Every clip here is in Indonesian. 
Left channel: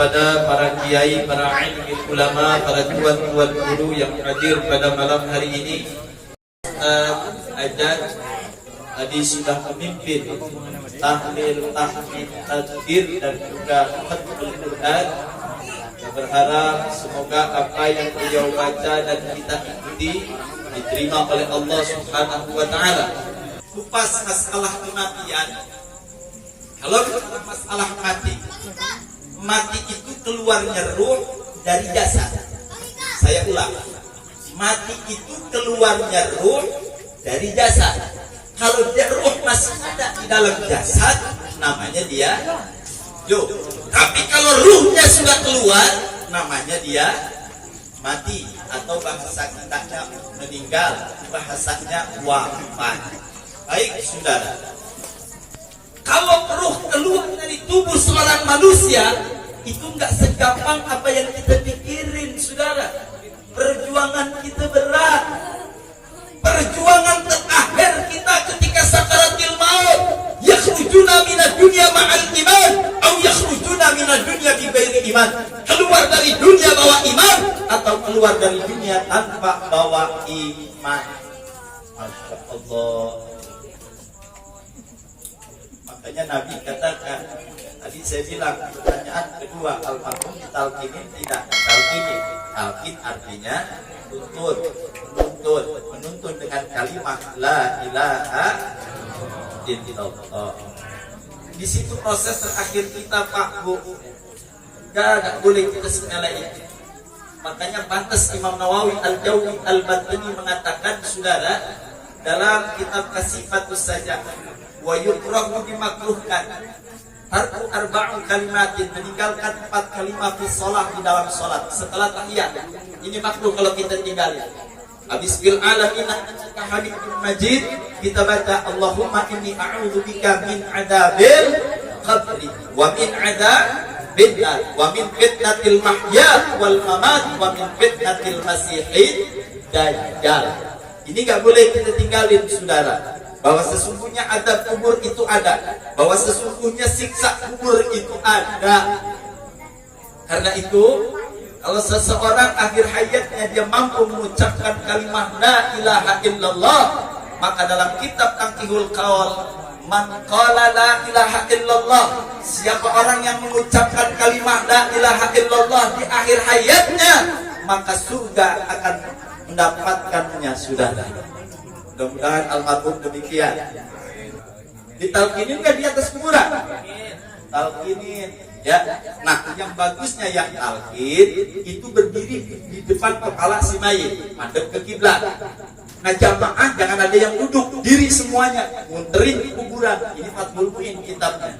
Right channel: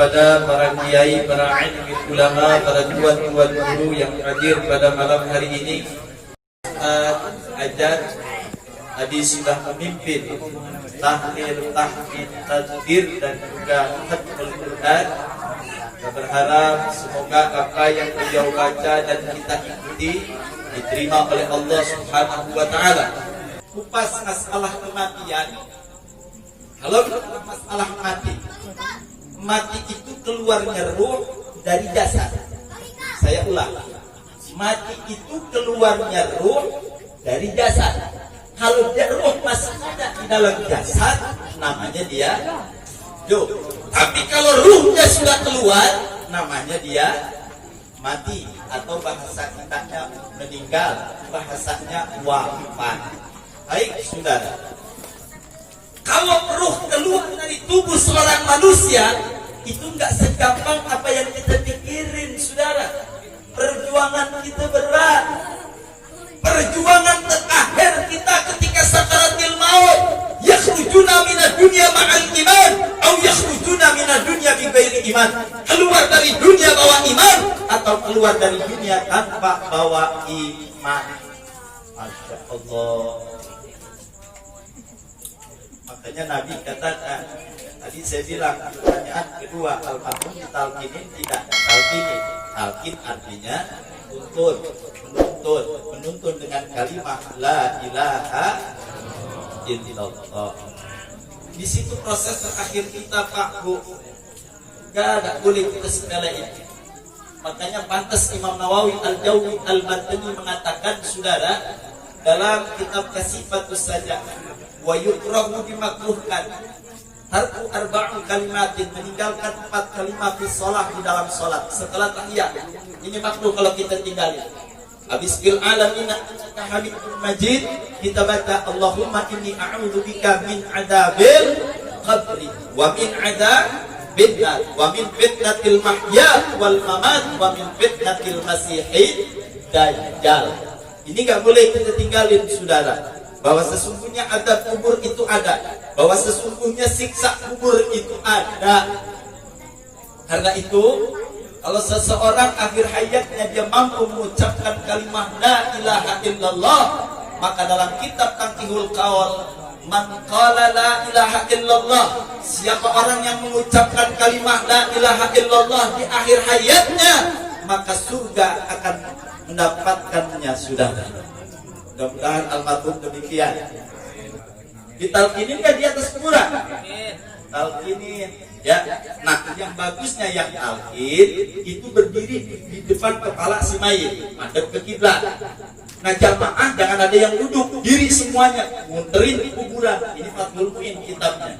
kepada para kiai, para alim ulama, para tuan-tuan guru yang hadir pada malam hari ini. Ajat tadi sudah memimpin tahlil, tahmid, tadzkir dan juga khatmul Quran. Saya berharap semoga apa yang beliau baca dan kita ikuti diterima oleh Allah Subhanahu wa taala. Kupas masalah kematian. Kalau masalah mati itu keluarnya ruh dari jasad. Saya ulang, mati itu keluarnya ruh dari jasad. Kalau dia ruh masih ada di dalam jasad, namanya dia hidup. Tapi kalau ruhnya sudah keluar, namanya dia mati, atau bahasa kitanya meninggal, bahasanya wafat. Baik, saudara. Kalau ruh keluar dari tubuh seorang manusia, itu enggak segampang apa yang kita pikirin, saudara. Perjuangan kita berat. Perjuangan terakhir kita ketika sakaratul maut. Yakhrujuna minad dunya ma'al iman, atau yakhrujuna minad dunya bi ghairi iman. Keluar dari dunia bawa iman, atau keluar dari dunia tanpa bawa iman. Masya Allah. Makanya Nabi katakan, tadi saya bilang pertanyaan kedua, al-mahrum talqinin tidak talqinin. Talqin artinya menuntun dengan kalimat la ilaha illallah. Di situ proses terakhir kita, Pak Bu. Enggak boleh kita sepelein. Makanya pantas Imam Nawawi Al-Jawi Al-Batani mengatakan, saudara, dalam kitab Kasifatus Sajah, wa yukrahu dimakruhkan tarku arba'u kalimatin, meninggalkan 4 kalimat fi shalah, di dalam salat setelah tahiyat. Ini makruh kalau kita tinggalin. Habis bil alamin innaka hamidun majid, kita baca Allahumma inni a'udzubika min adzabil qabri wa min adzabin nar wa min fitnatil mahya wal mamat wa min fitnatil masiihid dajjal. Ini enggak boleh kita tinggalin, saudara. Bahwa sesungguhnya adab kubur itu ada, bahwa sesungguhnya siksa kubur itu ada. Karena itu, kalau seseorang akhir hayatnya dia mampu mengucapkan kalimat la ilaha illallah, maka dalam kitab Taqihul Qaul, man qala la ilaha illallah, siapa orang yang mengucapkan kalimat la ilaha illallah di akhir hayatnya, maka surga akan mendapatkannya, saudara. Mudah-mudahan almarhum demikian. Ditalkinin kan di atas kuburan? Talkinin, ya. Nah, yang bagusnya yang talkin itu berdiri di depan kepala si mayit, madep ke kiblat. Nah, jamaah jangan ada yang duduk, diri semuanya, muterin di kuburan. Ini Fathul Mu'in kitabnya.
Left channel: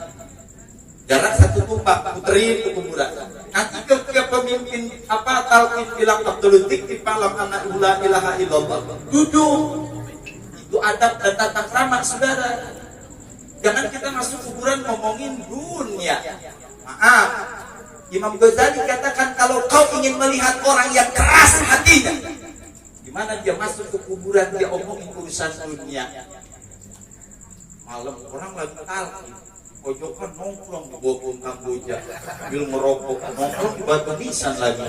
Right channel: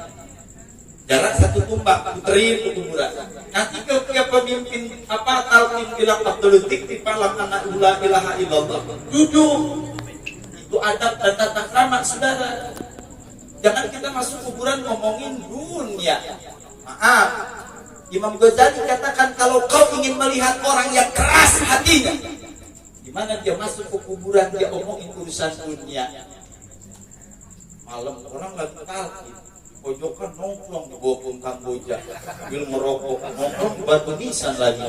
Jarak 1 tumpak, puterin ke kuburan. Nanti ketika pemimpin talkin bilang Abdul Latif falam anak la ilaha illallah, duduk. Itu adab dan tata krama, saudara. Jangan kita masuk kuburan ngomongin dunia. Maaf, Imam Ghazali katakan kalau kau ingin melihat orang yang keras hatinya, gimana dia masuk ke kuburan dia omongin urusan dunia. Malam orang lagi talqin, pojokan nongkrong di bawah pohon Kamboja, sambil merokok, nongkrong di batu nisan lagi.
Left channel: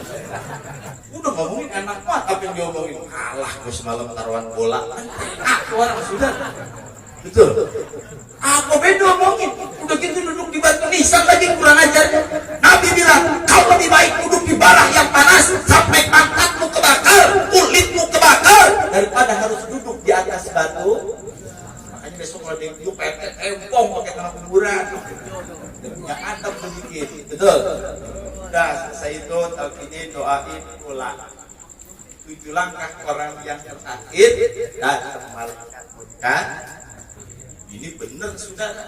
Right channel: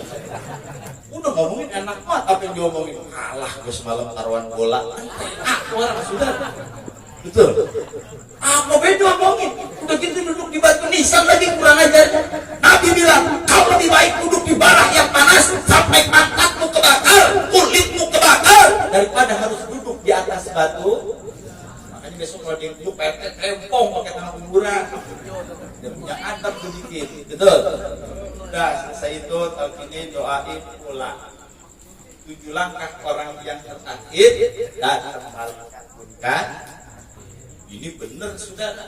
Udah ngomongin enak banget, apa yang diomongin? Alah, gue semalam taruhan bola. Orang sudah, betul. Apa beda ngomongin? Udah gitu duduk di batu nisan lagi, kurang ajar. Nabi bilang, kau lebih baik duduk di barang yang panas sampai mangkatmu kebakar, kulitmu kebakar, daripada harus duduk di atas batu. Makanya besok kalau dia PT tempong pakai tanah kuburan, dia punya adab sedikit, betul. Udah selesai itu, talqinin, doain, pulang. 7 langkah orang yang terakhir dan malaikat bukan. Ini benar, saudara.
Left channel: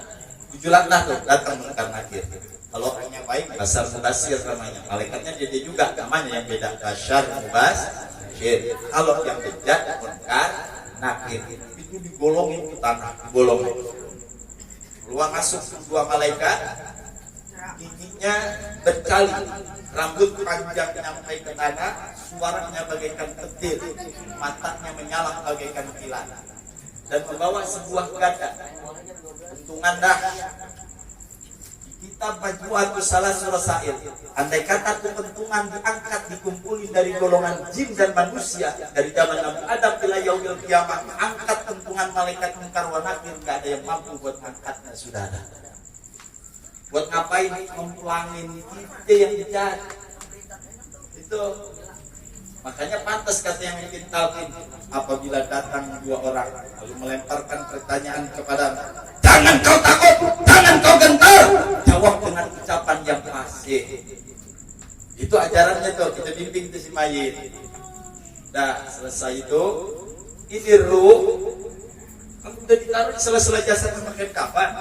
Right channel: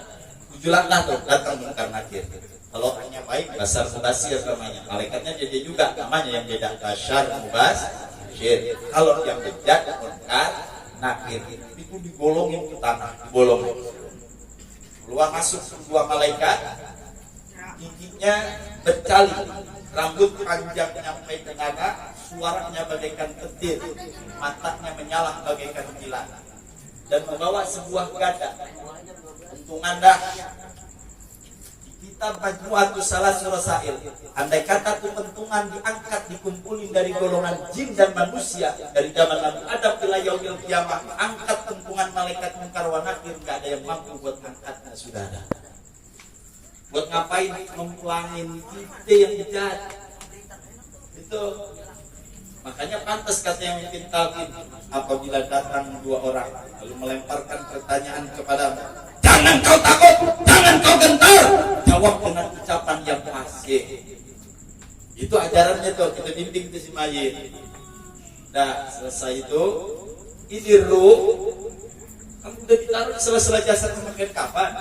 7 langkah tuh datang munkar nakir. Kalau orangnya baik, basar mubasir namanya. Malaikatnya dia juga namanya yang beda, basar mubasir. Kalau yang bejat munkar nakir itu digolongin ke tanah, digolongin. Keluar masuk 2 malaikat, giginya berkali, rambut panjang sampai ke dada, suaranya bagaikan petir, matanya menyala bagaikan kilat, dan membawa sebuah gada. Untungan dah kitab Majmu'atus Salasul Rasail. Andai kata kepentungan diangkat dikumpulin dari golongan jin dan manusia dari zaman Nabi Adam ila yaumil qiyamah, angkat pentungan malaikat munkar wa nakir, enggak ada yang mampu buat angkatnya, saudara. Buat ngapain mempulangin kita yang jahat? Itu makanya pantas kata yang bikin talqin, apabila datang dua orang lalu melemparkan pertanyaan kepada, jangan kau takut, jangan kau gentar, jawab dengan ucapan yang fasih. Itu ajarannya tuh, kita bimbing ke si mayit. Nah selesai itu, ini ruh kamu udah ditaruh di sela-sela jasad memakai kapan.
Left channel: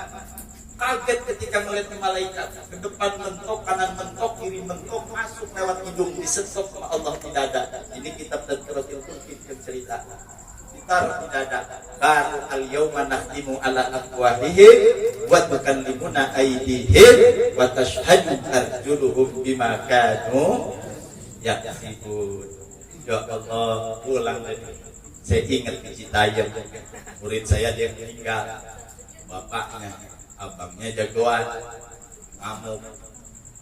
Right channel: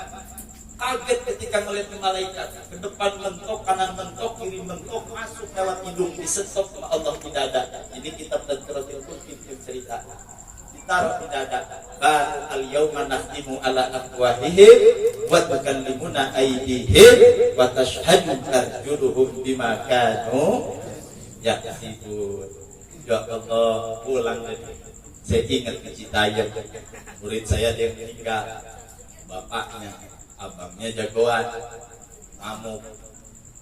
Kaget ketika melihat malaikat, ke depan mentok, kanan mentok, kiri mentok, masuk lewat hidung, disetop sama Allah di dada. Ini kitab Tadkiratul Qulub cerita. Ditaruh di dada. Bal al-yawma nahtimu ala afwahihim wa tukallimuna aydihim wa tashhadu arjuluhum bima kanu yaksibun. Ya Allah, pulang dari saya ingat di Citayam, murid saya dia meninggal, bapaknya, abangnya jagoan, ngamuk.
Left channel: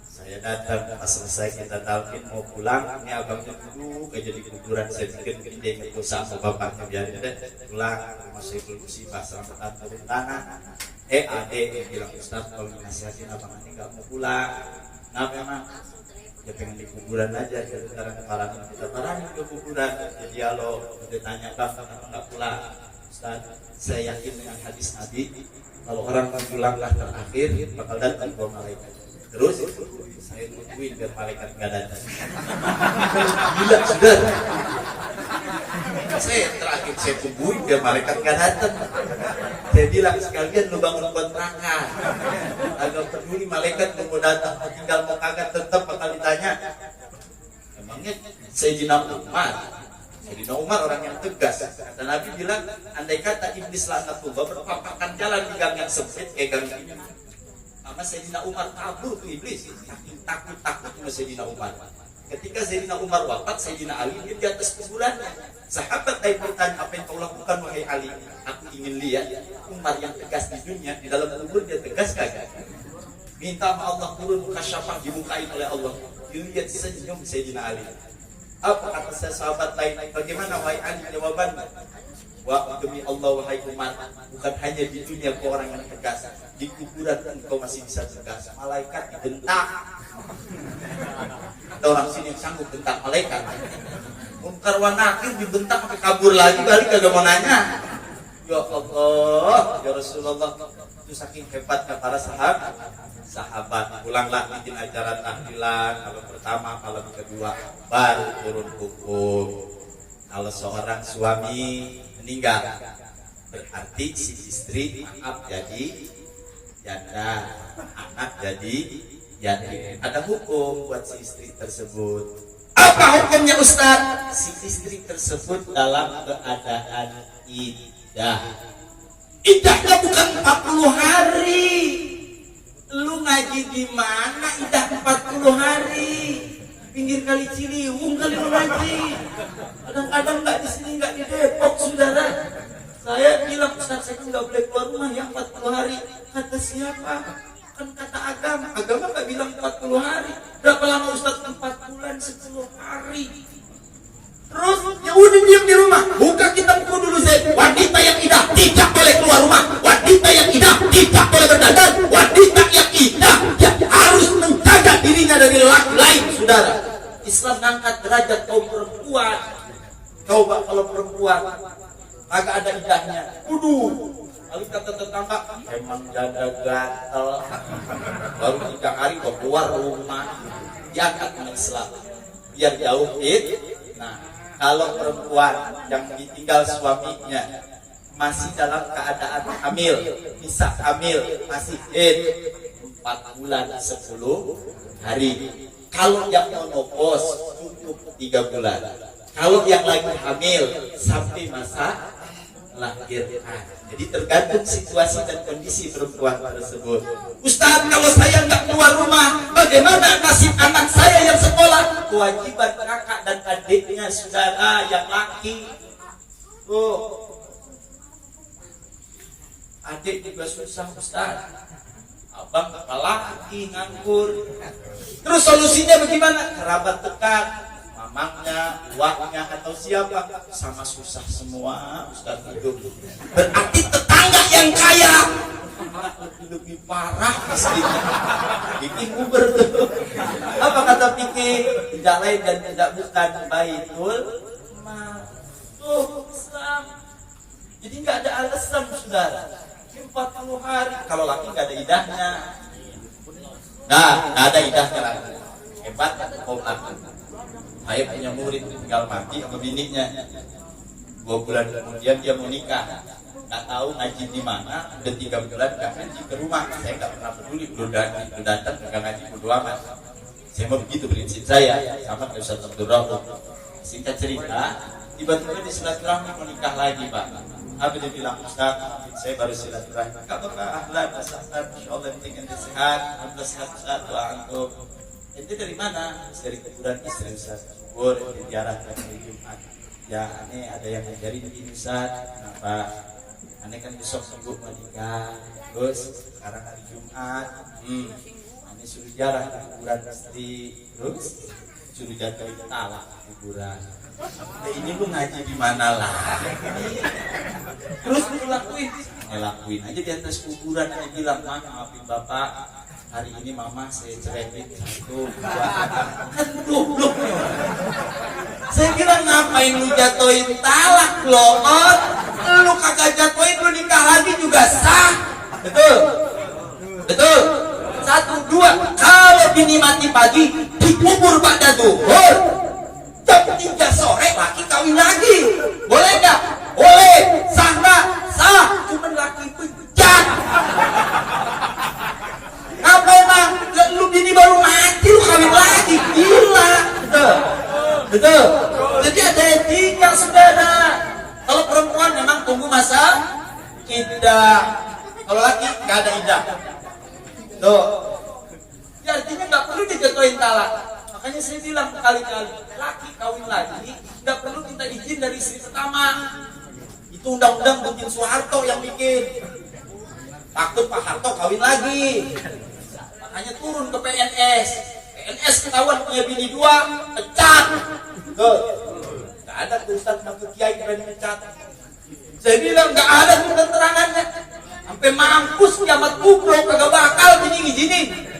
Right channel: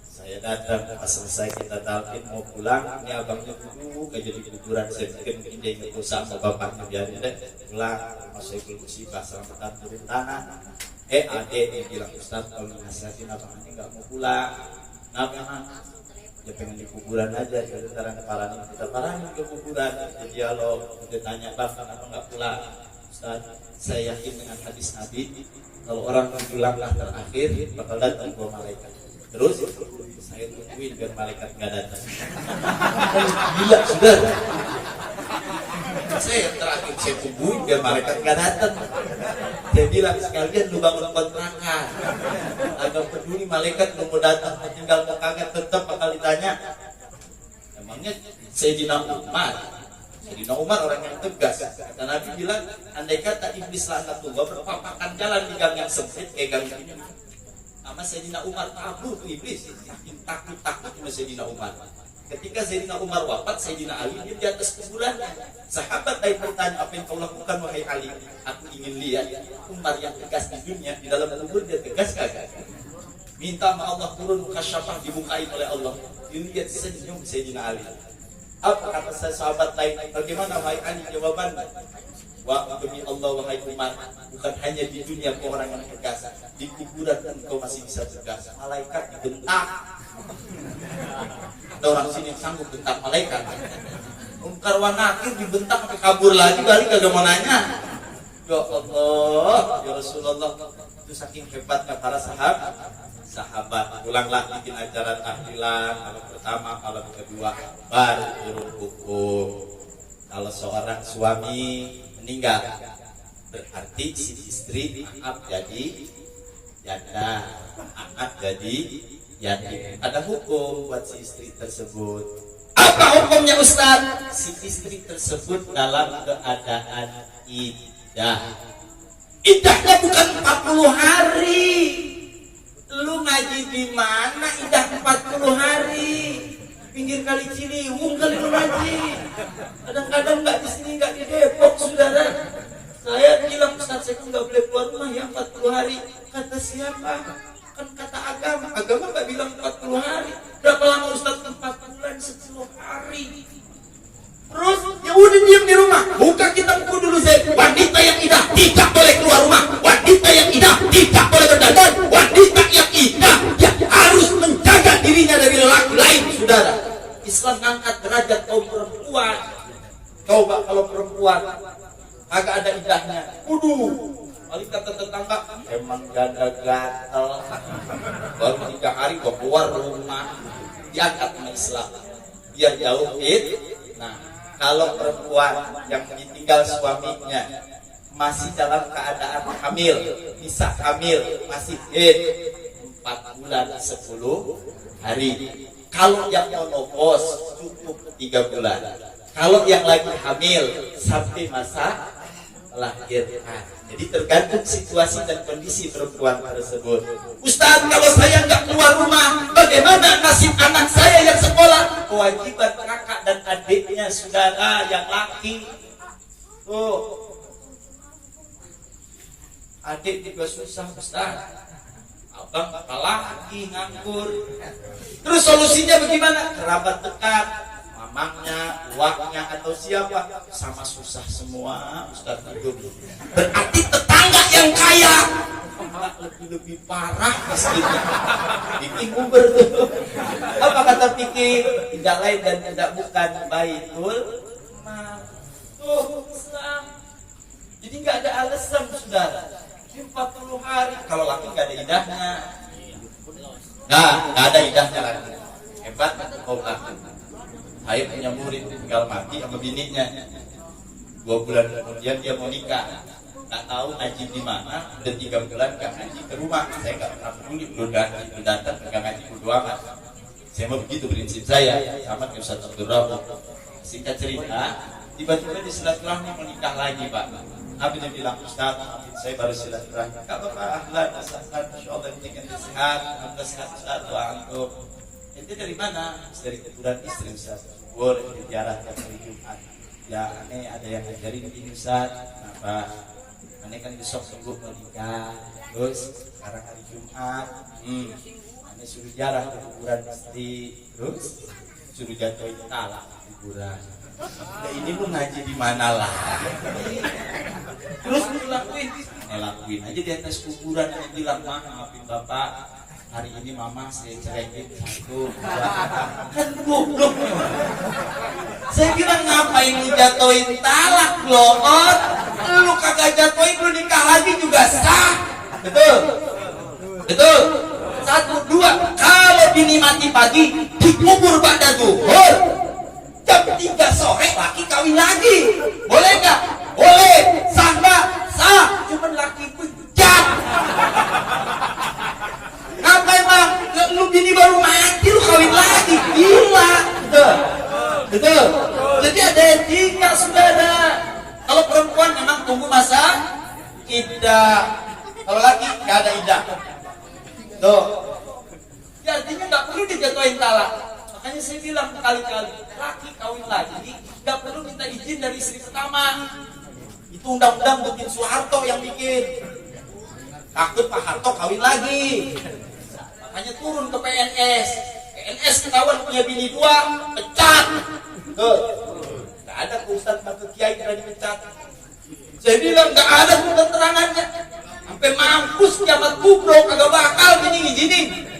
Saya datang, pas selesai kita talqin mau pulang, ini abangnya duduk aja di kuburan. Saya pikir mungkin dia ingat dosa sama bapaknya, biarin deh pulang. Saya belum musibah, selamatan turun tangan. Adek dia bilang, Ustaz kalau nasihatin abang ini nggak mau pulang. Kenapa emang? Dia pengen di kuburan aja, jadi sekarang kita parahin ke kuburan. Jadi kalau dia tanya, bang kenapa nggak pulang? Ustaz, saya yakin dengan hadis Nabi, kalau orang pulang terakhir bakal datang dua malaikat. Terus saya tungguin biar malaikat nggak datang. Gila sudah. Saya terakhir saya tungguin biar malaikat nggak datang. Saya bilang sekalian lu bangun kontrakan. Agak peduli malaikat mau datang, mau tinggal mau kagak tetap bakal ditanya. Emangnya Sayyidina Umar. Sayyidina Umar orang yang tegas. Kata Nabi bilang, andai kata iblis laknatullah berpapakan jalan di gang yang sempit kayak gang ini, sama Sayyidina Umar kabur tuh iblis. Takut sama Sayyidina Umar. Ketika Sayyidina Umar wafat, Sayyidina Ali dia di atas kuburannya. Sahabat lain bertanya, apa yang kau lakukan wahai Ali? Aku ingin lihat Umar yang tegas di dunia, di dalam kubur dia tegas kagak? Minta sama Allah turun kasyafah dibukain oleh Allah. Dilihat senyum Sayyidina Ali. Apa kata sahabat lain? Bagaimana wahai Ali jawabannya? Wah demi Allah wahai Umar, bukan hanya di dunia kau orang yang tegas, di kuburan kau masih bisa tegas. Malaikat dibentak. Ada orang sini yang sanggup bentak malaikat. Munkar wa nakir dibentak sampai kabur lagi, balik kagak mau nanya. Ya Allah, ya Rasulullah, itu saking hebatnya para sahabat. Pulanglah bikin acara tahlilan, kalau pertama, kalau kedua, baru turun hukum. Kalau seorang suami meninggal, berarti si istri maaf jadi janda, anak jadi yatim. Ada hukum buat si istri tersebut. Apa hukumnya Ustaz? Si istri tersebut dalam keadaan iddah. Iddahnya bukan 40 hari. Lu ngaji di mana iddah 40 hari? Pinggir kali Ciliwung kali lu ngaji. Kadang-kadang nggak di sini, nggak di Depok, saudara. Saya bilang Ustaz saya nggak boleh keluar rumah ya 40 hari. Kata siapa? Kan kata agama. Agama nggak bilang 40 hari. Berapa lama Ustaz? 4 bulan 10 hari. Terus ya udah diam di rumah. Buka kitab buku dulu saya. Wanita yang iddah tidak boleh keluar rumah. Wanita yang iddah tidak boleh berdagang. Wanita yang iddah ya harus menjaga dirinya dari lelaki lain, saudara. Islam angkat derajat kaum perempuan. Coba kalau perempuan agak ada iddahnya. Kali kata tetangga, emang dada gatel. Baru 3 hari gua keluar rumah. Diangkat dengan Islam. Biar jauh Nah, kalau perempuan yang ditinggal suaminya masih dalam keadaan hamil, bisa hamil, masih 4 bulan 10 hari. Kalau yang menopause cukup 3 bulan. Kalau yang lagi hamil sampai masa melahirkan. Jadi tergantung situasi dan kondisi perempuan tersebut. Ustaz, kalau saya nggak keluar rumah, bagaimana nasib anak saya yang sekolah? Kewajiban kakak dan adiknya, saudara yang laki. Adik juga susah, Ustaz. abang apalagi nganggur. Terus solusinya bagaimana? Kerabat dekat, mamangnya, uangnya atau siapa, sama susah semua Ustaz hidup. Berarti tetangga yang kaya lebih parah miskinnya. Bikin Uber tuh. Apa kata fikih? Tidak lain dan tidak bukan Baitul Mal. Oh, Islam. Jadi nggak ada alasan saudara. 40 hari kalau laki nggak ada idahnya. Nah, nggak ada idahnya lagi. Hebat kau laki. Saya punya murid tinggal mati sama bininya. 2 bulan kemudian dia mau nikah. Nggak tahu ngaji di mana. Udah 3 bulan nggak ngaji ke rumah. Saya nggak pernah peduli. Udah datang nggak ngaji bodo amat. Saya mau begitu prinsip saya. Sama kayak Ustaz Abdul Rahman. Singkat cerita, tiba-tiba di silaturahmi mau nikah lagi Pak. Apa dia bilang, Ustaz, saya baru silaturahmi. Gak apa-apa, ahlan, asal-asal, insyaAllah yang penting sehat. Alhamdulillah sehat, Ustaz, doa antum. Itu dari mana? Dari kuburan istri Ustaz. Kubur, dari ziarah ke hari Jumat. Ya, aneh ada yang ngajarin ini Ustaz. Kenapa? Aneh kan besok minggu mau nikah. Terus, sekarang hari Jumat. Aneh suruh ziarah ke kuburan istri. Terus, suruh jatuhin talak kuburan. Nah, ini lu ngaji di mana lah? Terus lu lakuin aja di atas kuburan. Dia bilang, maafin bapak, hari ini mama saya ceraiin 1, 2. Kan goblok. Saya bilang ngapain lu jatuhin talak loh? Lu kagak jatuhin, lu nikah lagi juga sah. Betul? Betul? 1, 2. Kalau bini mati pagi, dikubur pada duhur. Jam 3 sore laki kawin lagi. Boleh gak? Boleh. Sah gak? Sah. Cuman laki bejat. Apa emang? Lu bini baru mati lu kawin lagi. Gila. Betul. Betul. Jadi ada etika saudara. Kalau perempuan memang tunggu masa iddah. Kalau laki gak ada iddah. Tuh. Ya, artinya gak perlu dijatuhin talak. Makanya saya bilang berkali-kali, laki kawin lagi nggak perlu minta izin dari istri pertama. Itu undang-undang bikin Soeharto yang bikin. Takut Pak Harto kawin lagi. Makanya turun ke PNS. PNS ketahuan punya bini 2, pecat. Nggak ada Ustaz Mahfud Kiai berani pecat. Saya bilang nggak ada keterangannya. Sampai mampus kiamat kubro kagak bakal gini.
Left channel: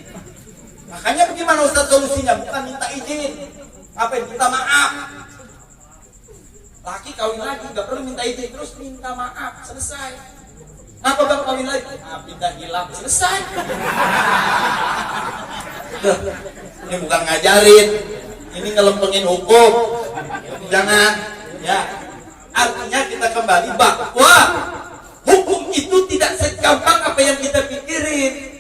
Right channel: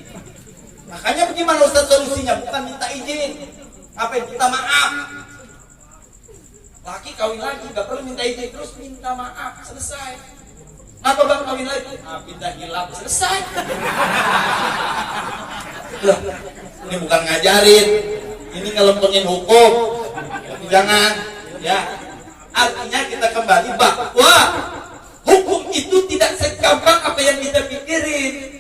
Makanya bagaimana Ustaz solusinya? Bukan minta izin. Apa yang minta maaf? Laki kawin lagi gak perlu minta izin, terus minta maaf, selesai. Apa bang kawin lagi? Pindah hilang, selesai. Ini bukan ngajarin. Ini kalau pengen hukum, jangan. Ya, artinya kita kembali bahwa hukum itu tidak segampang apa yang kita pikirin.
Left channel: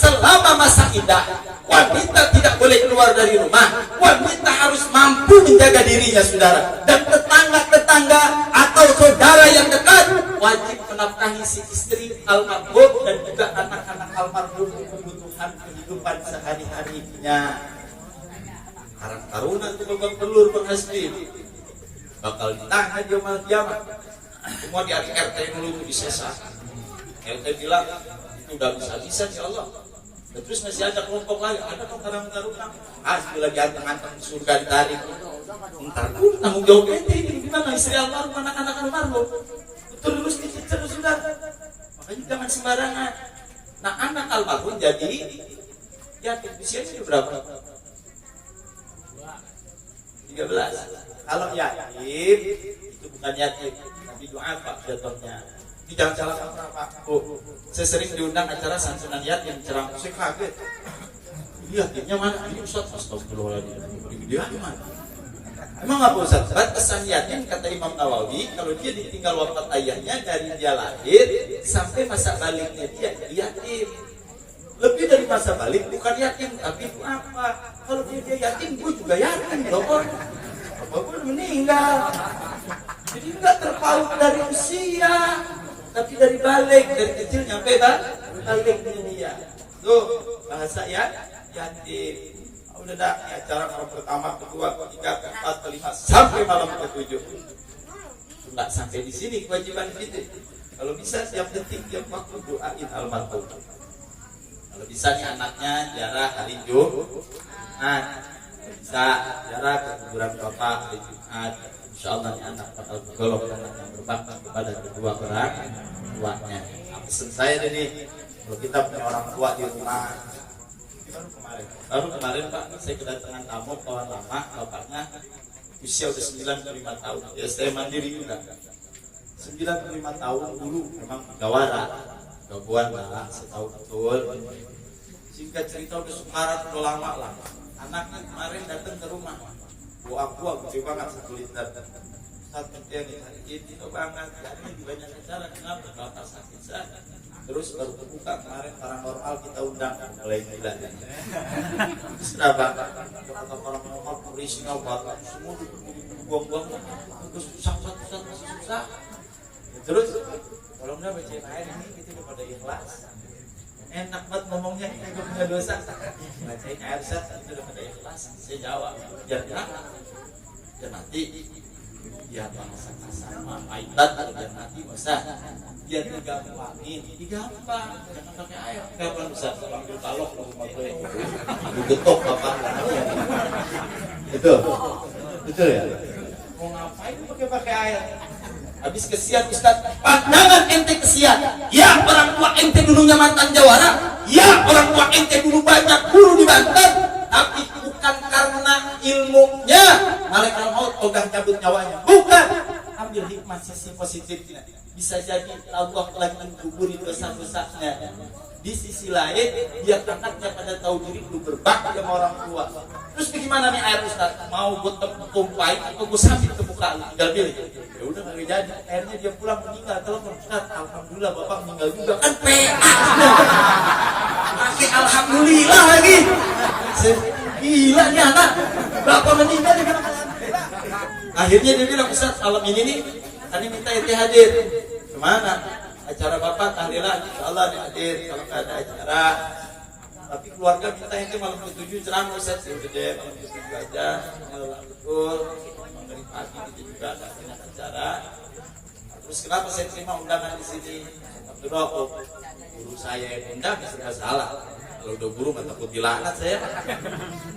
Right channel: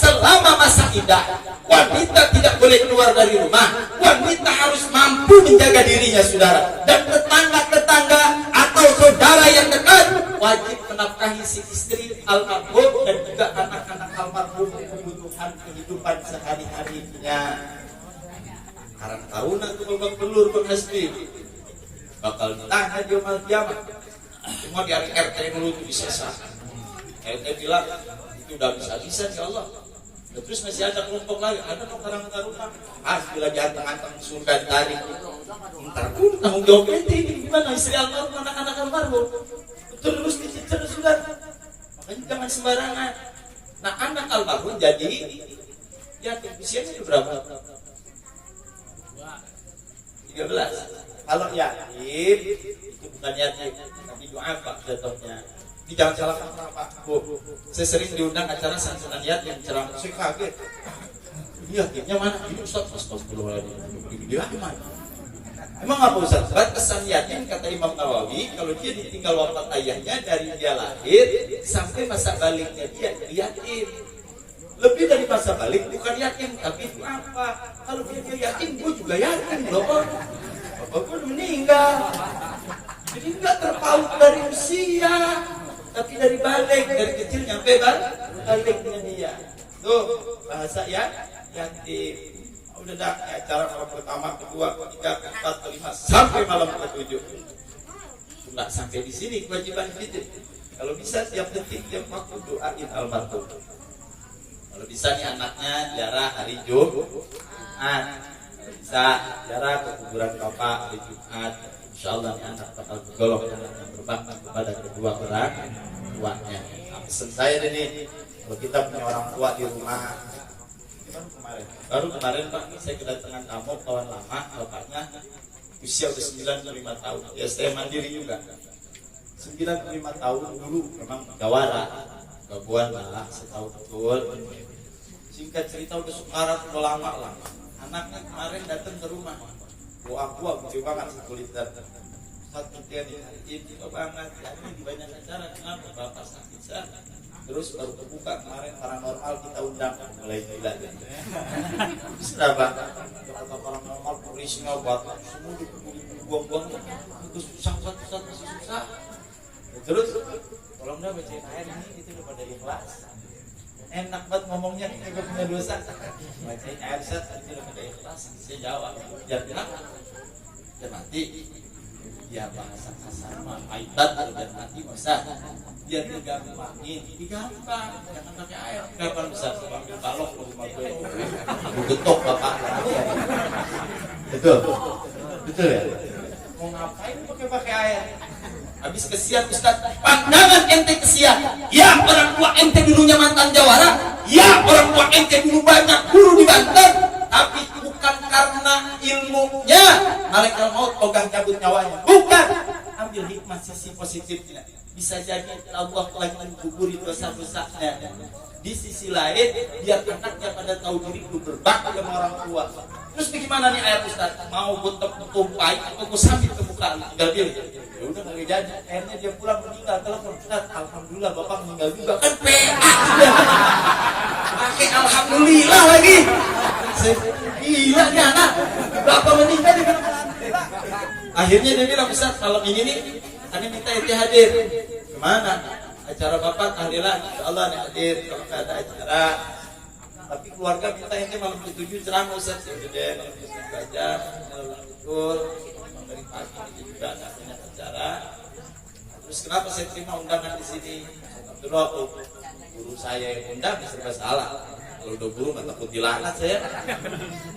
Selama masa iddah, wanita tidak boleh keluar dari rumah. Wanita harus mampu menjaga dirinya, saudara. Dan tetangga-tetangga atau saudara yang dekat wajib menafkahi si istri almarhum dan juga anak-anak almarhum kebutuhan kehidupan sehari-harinya. Karang taruna itu babak telur penghasbi bakal ditanya di yaumul kiamat. Semua di RT melulu disesat. RT bilang udah bisa-bisa ya Allah. Terus masih ada kelompok lain, ada kok Karang Taruna. Pasti lagi anteng-anteng surga ditarik. Ntar pun tanggung jawab ini gimana istri almarhum, anak-anak almarhum. Terus dicicil sudah. Makanya jangan sembarangan. Nah anak almarhum jadi yatim usianya berapa? 13. Kalau yatim itu bukan yatim, tapi du'afa jatuhnya. Ini jangan salahkan Pak. Bu, saya sering diundang acara santunan yatim ceramah. Saya kaget. Yatimnya mana? Ini Ustaz, astagfirullahaladzim. Dia mana? Emang apa Ustaz? Batasan yatim kata Imam Nawawi, kalau dia ditinggal wafat ayahnya dari dia lahir sampai masa baliknya dia yatim. Lebih dari masa balik bukan yatim, tapi itu apa? Kalau dia yatim, gue juga yatim loh. Gue meninggal. Jadi nggak terpaut dari usia, tapi dari balik, dari kecil nyampe baliknya dia. Tuh bahasa ya yatim. Udah dah acara malam pertama, kedua, ketiga, keempat, kelima sampai malam ke-7. Nggak sampai di sini kewajiban kita. Kalau bisa tiap detik, tiap waktu doain almarhum. Kalau bisa nih anaknya jarak hari Jumat, kalau bisa jarak ke kuburan bapak hari Jumat, insya Allah nih anak bakal bergolong anak yang berbakti kepada kedua orang tuanya. Nah, pesan saya ini, kalau kita punya orang tua di rumah, baru kemarin Pak, saya kedatangan tamu kawan lama, bapaknya usia udah 95 tahun, ya saya mandiri juga. 95 tahun dulu memang jawara, gabuan lah, setahu betul. Singkat cerita udah sekarat udah lama lah. Anaknya kemarin datang ke rumah, buah gede banget 1 liter. Satu dia ini banget, jadi di banyak acara kenapa bapak sakit sah. Terus baru kebuka kemarin paranormal kita undang mulai gila dan sudah banget kata paranormal polisinya buat semua buang-buang terus susah masih susah. Terus kalau nggak bacain air ini kita udah pada ikhlas, enak banget ngomongnya kagak punya dosa. Bacain air set kita udah pada ikhlas. Saya jawab biar kenapa? Dan nanti ya bahasa kasar maitat dan nanti bisa biar digampangin, digampang jangan pakai air. Kapan bisa ambil balok ke rumah gue, aku getok bapak. Betul ya. Mau ngapain pakai air? Habis kesian Ustaz, pandangan ente kesian. Ya orang tua ente dulunya mantan jawara. Ya orang tua ente dulu banyak guru di Banten. Tapi bukan karena ilmunya malaikat maut ogah cabut nyawanya. Bukan. Ambil hikmah sisi positifnya. Bisa jadi Allah lagi mengguguri dosa-dosanya. Di sisi lain, biar anaknya pada tahu diri lu berbakti sama orang tua. Terus bagaimana nih air Ustaz? Mau gue tumpahin atau gue sambit ke muka lu? Tinggal pilih. Ya udah nggak jadi. Akhirnya dia pulang meninggal. Telepon Ustaz, alhamdulillah bapak meninggal juga. Kan PA. Pakai alhamdulillah lagi. Gila nih anak. Bapak meninggal dia bilang alhamdulillah. Akhirnya dia bilang Ustaz, malam ini nih tadi minta ente hadir. Kemana? Acara bapak tahlilan, insya Allah hadir. Kalau nggak ada acara, tapi keluarga minta ente malam ke-7 ceramah Ustaz. Jadi malam ke-7 aja, betul. Dari pagi kita juga nggak punya acara. Terus kenapa saya terima undangan di sini? Abdullah, guru saya yang undang, serba salah. Kalau udah guru nggak takut dilaknat saya.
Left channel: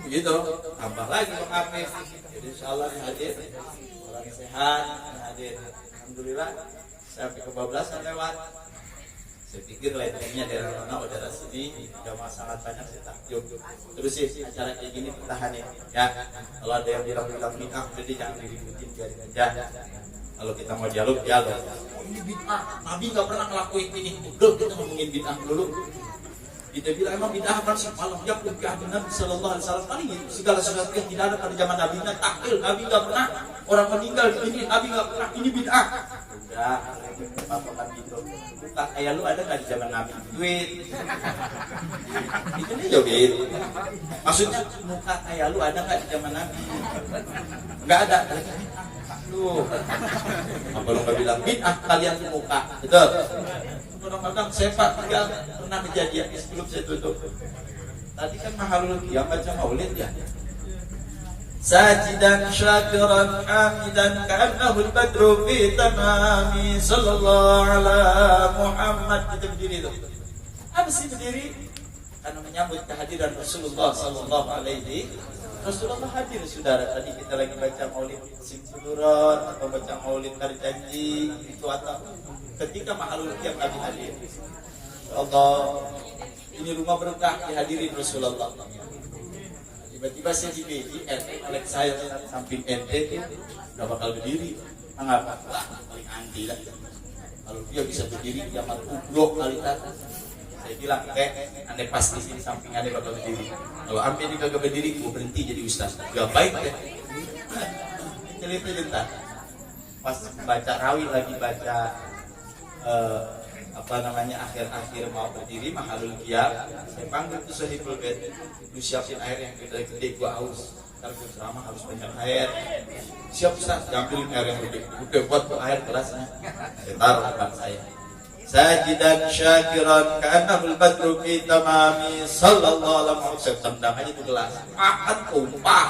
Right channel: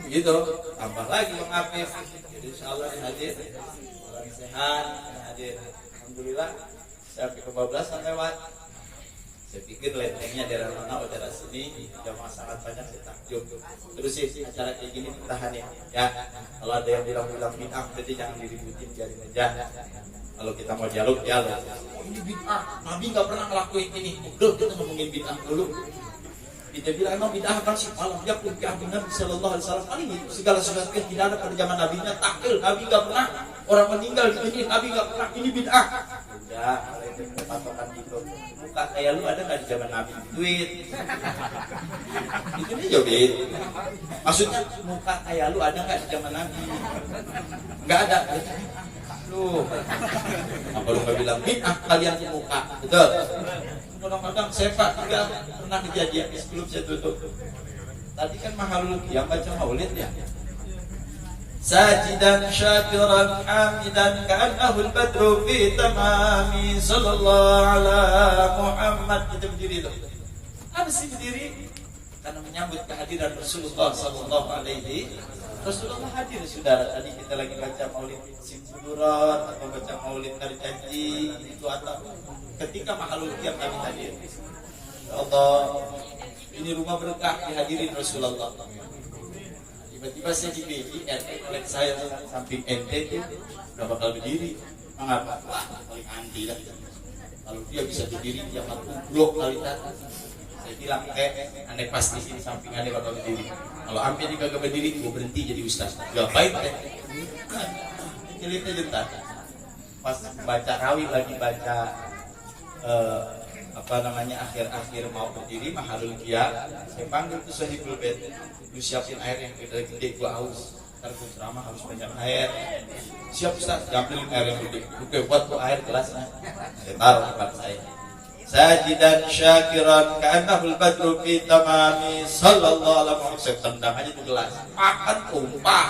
Begitu. Tambah lagi Bang Hafiz. Jadi insya Allah hadir. Orang sehat hadir. Alhamdulillah. Sampai kebablasan lewat. Saya pikir lentengnya daerah mana, daerah sini, jamaah sangat banyak saya takjub. Terus sih acara kayak gini bertahan ya. Kalau ada yang bilang bid'ah, jadi jangan diributin, biarin aja. Kalau kita mau dialog, oh ini bid'ah, Nabi nggak pernah ngelakuin ini. Udah kita ngomongin bid'ah dulu. Kita bilang emang bid'ah kan sih malam ya bid'ah benar sallallahu alaihi wasallam ini segala sesuatu yang tidak ada pada zaman Nabi nya taklil, Nabi nggak pernah orang meninggal ini, Nabi nggak pernah ini bid'ah. Udah mulai patokan itu buka kayak lu ada nggak di zaman Nabi duit itu nih joget maksudnya muka kayak lu ada nggak di zaman Nabi nggak ada lu kalau nggak bilang bid'ah kalian di muka betul. Ramadan saya Pak tinggal pernah kejadian sebelum saya tutup. Tadi kan mahalul qiyam baca maulid ya. Sajidan syakiran hamidan ka'annahu al-badru fi tamami sallallahu ala Muhammad. Kita berdiri dulu. Apa sih berdiri? Karena menyambut kehadiran Rasulullah sallallahu alaihi Rasulullah hadir saudara. Tadi kita lagi baca maulid Simsudurat atau baca maulid hari janji itu atau ketika mahalul qiyam Nabi hadir. Allah, ini rumah berkah dihadirin Rasulullah. Tiba-tiba saya di BDR, oleh saya samping NT itu udah bakal berdiri. Mengapa? Wah, paling anti lah. Kalau dia bisa berdiri, dia mati blok kali tadi. Saya bilang, anda pasti sini samping anda bakal berdiri. Kalau hampir dia kagak berdiri, gue berhenti jadi ustaz. Ya baik deh. Celitnya jentar. Pas baca rawi lagi baca akhir-akhir mau berdiri mahalul qiyam, saya panggil tuh sahibul bait, lu siapin air yang gede gua haus, ntar gua ceramah harus banyak air. Siap Ustaz, ambilin air yang gede. Oke, buat tuh air gelasnya, saya taruh depan saya. Sajidan syakiran ka'annahul badru fi tamami sallallahu alaihi wasallam. Saya tendang aja tuh gelas, makan tumpah,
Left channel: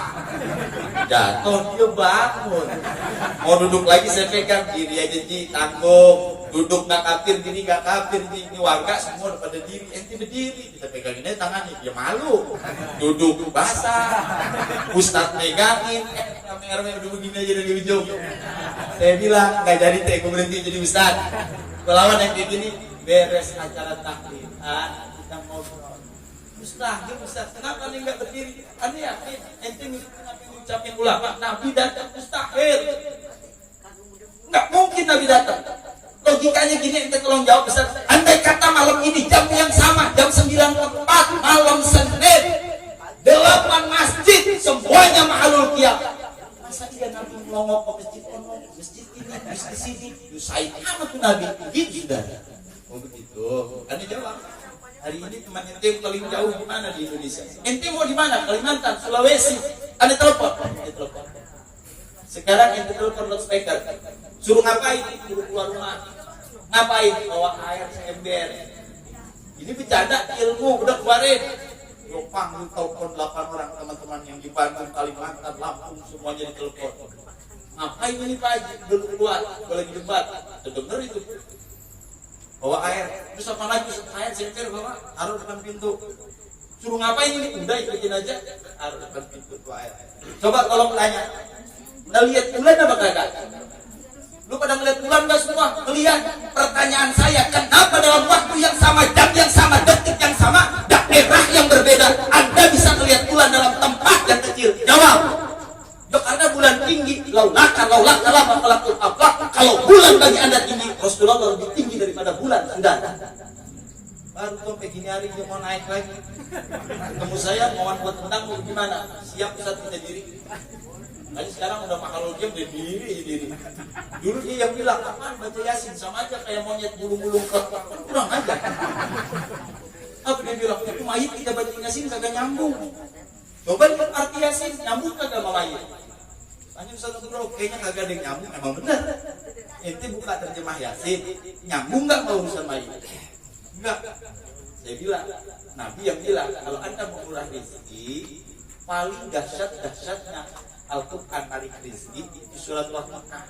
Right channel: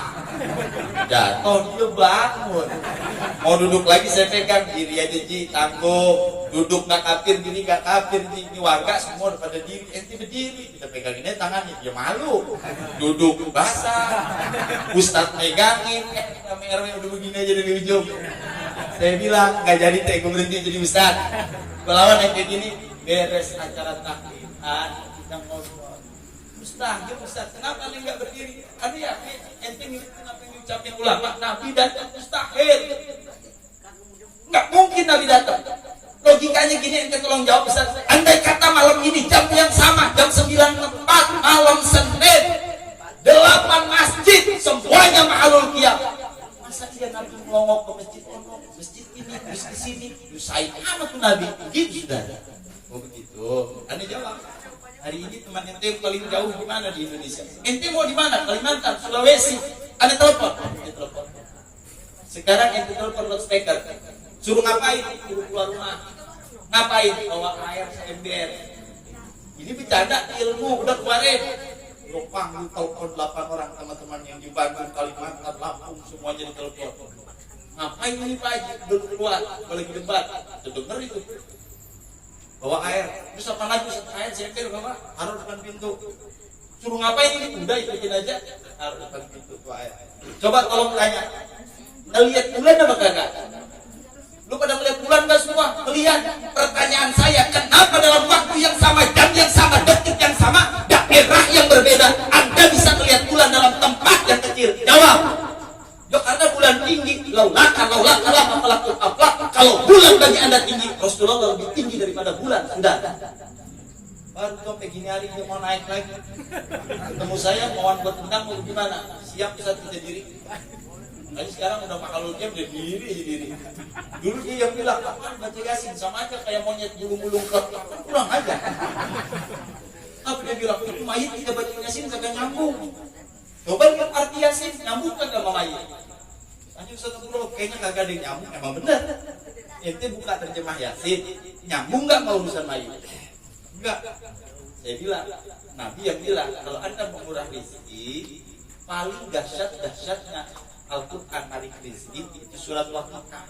jatuh dia bangun. Mau duduk lagi saya pegang, kiri aja ji, tanggung. duduk nggak kafir gini, nggak kafir gini, warga semua udah pada diri, ente berdiri, kita pegangin aja tangannya, ya malu, duduk basah, ustaz megangin, kami RW udah begini aja dari ujung. Saya bilang nggak jadi teh, gue berhenti jadi ustaz. Kelawan ente gini, beres acara takbir, kita ngobrol. Ustaz, kenapa nih nggak berdiri? Ya, ente kenapa ngucapin ulama? Nabi datang mustahil. Nggak mungkin Nabi datang. Logikanya gini, ente tolong jawab Ustaz. Andai kata malam ini jam yang sama, jam 9.04 malam Senin, 8 masjid semuanya ma'alul qiyam. Masa dia Nabi ngomong ke masjid ini, masjid sini, usahain amat tuh Nabi. Gitu sudah. Oh begitu. Anda jawab. Hari ini teman ente paling jauh di mana di Indonesia? Ente mau di mana? Kalimantan, Sulawesi. Anda telepon. Sekarang ente telepon loudspeaker. Suruh ngapain? Suruh keluar rumah. Ngapain? Bawa air seember. Ini bercanda ilmu udah keluarin. Lo panggil telepon 8 orang teman-teman yang di Bandung, Kalimantan, Lampung semuanya ditelepon. Ngapain ini Pak Haji? Belum keluar, boleh debat. Terdengar itu. Bawa air, terus apa lagi? Air seember bawa, taruh depan pintu. Suruh ngapain ini? Udah ikutin aja, taruh depan pintu tuh air. Coba tolong tanya, lihat bulan apa kagak? Lu pada ngeliat bulan gak semua? Melihat. Pertanyaan saya, kenapa dalam waktu yang sama, jam yang sama, detik yang sama, daerah yang berbeda, Anda bisa melihat bulan dalam tempat yang kecil? Jawab. Ya karena bulan tinggi, laulaka lama pelakul aflak. Kalau bulan bagi Anda tinggi, Rasulullah lebih tinggi daripada bulan. Sudah. Baru sampai gini hari dia mau naik lagi. Ketemu saya, mau buat tendang, mau gimana? Siap Ustaz punya diri. Nah, sekarang udah kalau dia berdiri. Dulu dia yang bilang, apaan baca Yasin? Sama aja kayak monyet bulu-bulu kurang aja. Apa dia bilang? Itu mayit tidak baca Yasin kagak nyambung. Coba lihat arti Yasin, nyambung kagak mau mayit? Tanya Ustaz Bro, kayaknya kagak ada yang nyambung. Emang benar. Ente buka terjemah Yasin, nyambung nggak mau urusan mayit? Enggak. Saya bilang, Nabi yang bilang, kalau Anda mau murah rezeki, paling dahsyatnya Al-Quran tarik rizki itu surat Waqiah.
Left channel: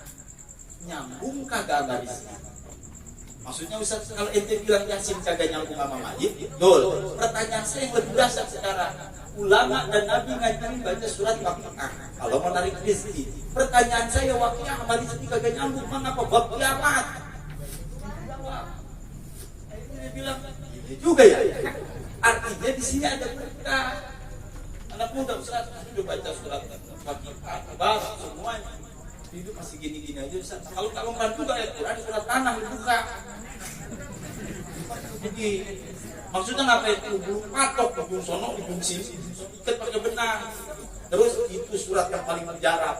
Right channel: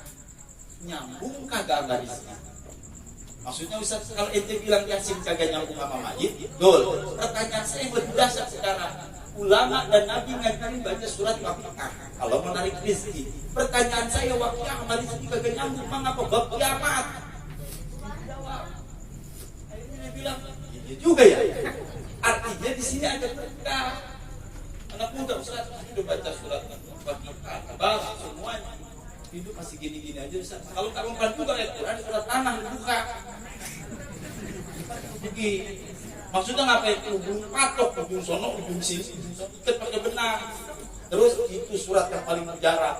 Nyambung kagak sama rizki? Maksudnya Ustaz, kalau ente bilang Yasin kagak nyambung sama mayit, betul. Pertanyaan saya yang lebih dahsyat sekarang, ulama dan Nabi ngajarin baca surat Waqiah kalau mau narik rizki. Pertanyaan saya, Waqiah sama rizki kagak nyambung, mengapa bab kiamat? Jawab. Akhirnya dia bilang, iya juga ya. Artinya di sini ada berkah. Anak muda Ustaz, sudah baca surat Waqiah, semuanya. Hidup masih gini-gini aja Ustaz. Kalau kamu bantu dari Quran surat tanah dibuka. Jadi maksudnya ngapain? Ujung patok, ujung sono, ujung sini, ikat pakai benang. Terus itu surat yang paling mujarab.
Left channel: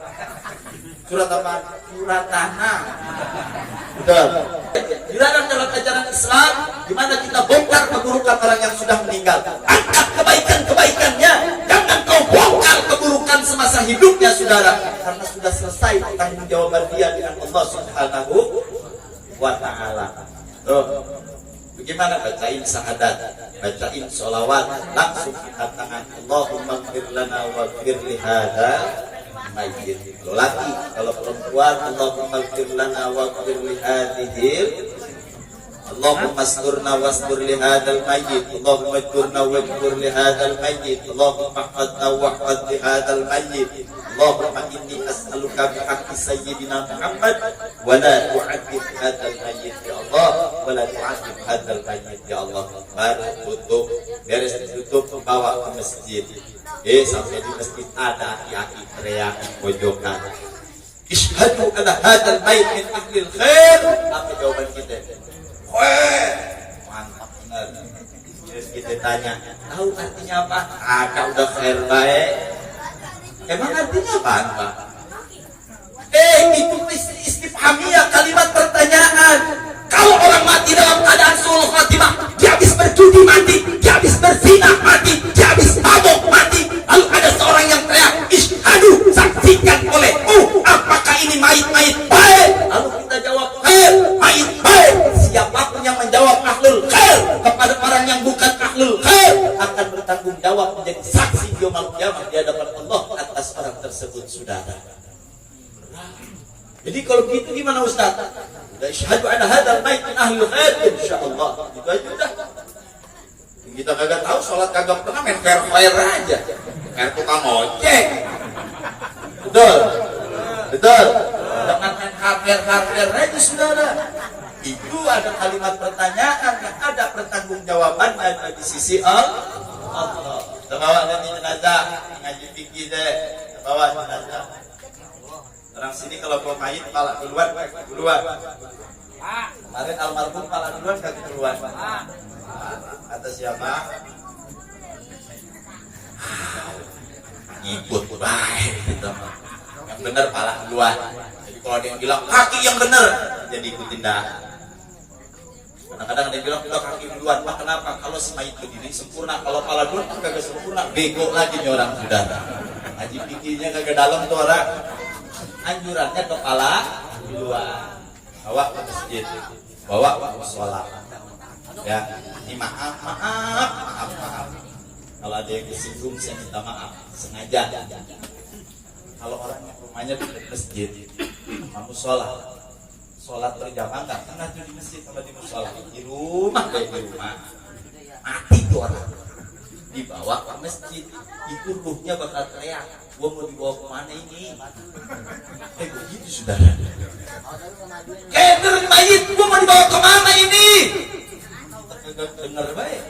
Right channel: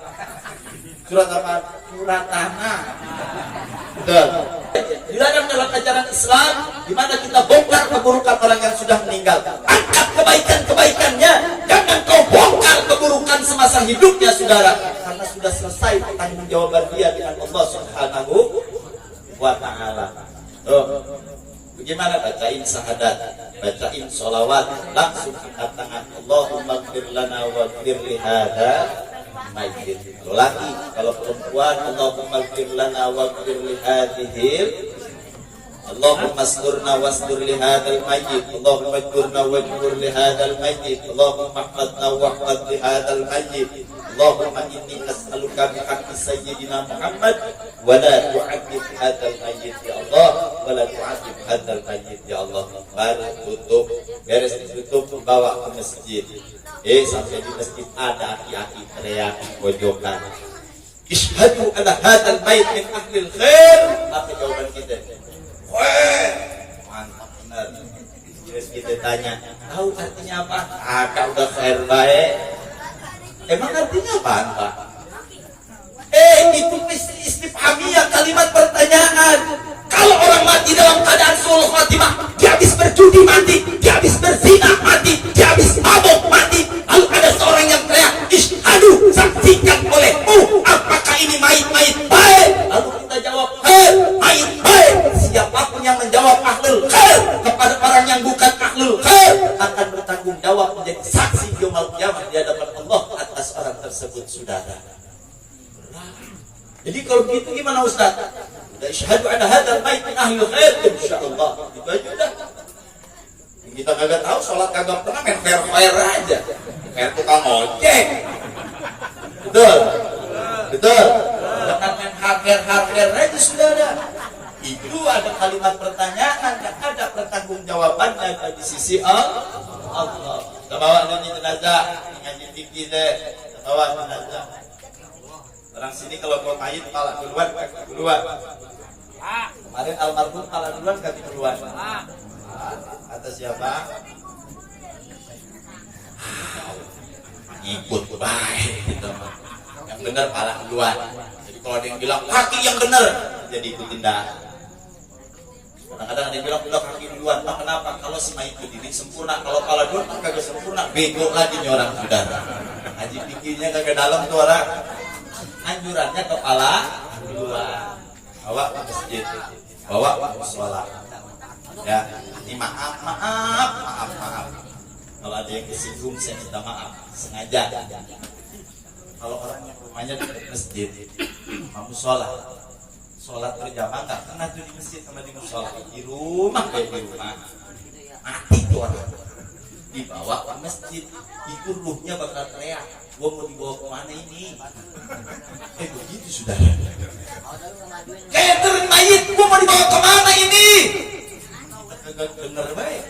Surat apa? Surat tanah. Betul. Dilarang dalam ajaran Islam di mana kita bongkar keburukan orang yang sudah meninggal. Angkat kebaikan-kebaikannya. Jangan kau bongkar keburukan semasa hidupnya saudara. Karena sudah selesai pertanggungjawaban dia dengan Allah Subhanahu wa ta'ala. Bagaimana bacain syahadat, bacain sholawat, langsung kita tangan Allahumma gfir lana wa gfir li hadza mayyit. Kalau laki, kalau perempuan Allahumma gfir lana wa gfir li hadhihi, Allahumma asturna wastur li hadzal mayyit, Allahumma ajurna wajbur li hadzal mayyit, Allahumma ihfadna wahfad li hadzal mayyit, Allahumma inni as'aluka bi haqqi sayyidina Muhammad wa la tu'adzib hadzal mayyit ya Allah, wa la tu'adzib hadzal mayyit ya Allah. Baru tutup, beres ditutup bawa ke masjid. Sampai di masjid ada aki-aki teriak pojokan, Ishhadu ala hadzal mayyit min ahlil khair. Apa jawaban kita? Mantap benar. Terus kita tanya, tahu artinya apa? Udah khair baik. Emang artinya apa? Itu istifhamiyah, kalimat pertanyaan. Kalau orang mati dalam keadaan sulh khatimah, dia habis berjudi mati, dia habis berzina mati, dia habis mabuk mati. Lalu ada seorang yang teriak, Ishhadu, saksikan olehmu, apakah ini mayit-mayit baik? Lalu kita jawab, mayit baik. Siapapun yang menjawab ahlul khair kepada orang yang bukan ahlul khair akan bertanggung jawab menjadi saksi di yaumul qiyamah di hadapan Allah atas orang tersebut saudara. Jadi kalau gitu gimana Ustaz? Sudah isyhadu anna hadzal mayit min ahli khair insyaallah. Itu aja udah. Kita kagak tahu sholat kagak pernah main fair aja. Kayak tukang ojek. Betul. Betul. Dengan main fair aja saudara. Itu ada kalimat pertanyaan yang ada pertanggungjawabannya di sisi Allah. Kita bawa nanti jenazah ngaji fikih deh. Kita bawa jenazah. Orang sini kalau bawa mayit pala duluan, kaki duluan. Kemarin almarhum pala duluan, kaki duluan. Kata siapa? Ikut baik gitu. Yang benar pala duluan. Jadi kalau ada yang bilang kaki yang benar, jadi ikutin dah. Kadang-kadang ada yang bilang udah kaki duluan. Wah kenapa? Kalau si mayit berdiri sempurna, kalau pala duluan kan kagak sempurna, bego lagi nih orang saudara. Ngaji pikirnya kagak dalam tuh orang. Anjurannya kepala duluan. Bawa ke masjid, bawa ke musola. Ya, ini maaf. Kalau ada yang kesinggung saya minta maaf, sengaja. Kalau orang yang rumahnya di masjid, mau sholat berjamaah nggak pernah tuh di masjid sama di musola. Di rumah kayak di rumah, mati tuh orang. Dibawa ke masjid, itu ruhnya bakal teriak. Gua mau dibawa kemana ini? Begitu sudah. Kayak mayit, gua mau dibawa kemana ini? Dengar baik.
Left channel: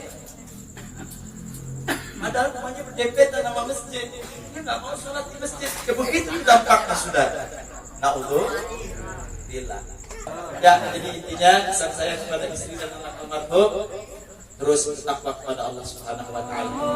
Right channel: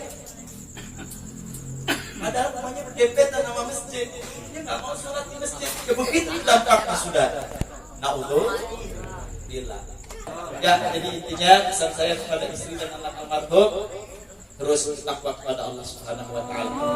Padahal rumahnya berdempetan sama masjid. Dia nggak mau sholat di masjid. Ya begitu dampaknya sudah. Na'udzubillah. Ya, jadi intinya pesan saya kepada istri dan anak almarhum terus bertakwa kepada Allah Subhanahu wa taala.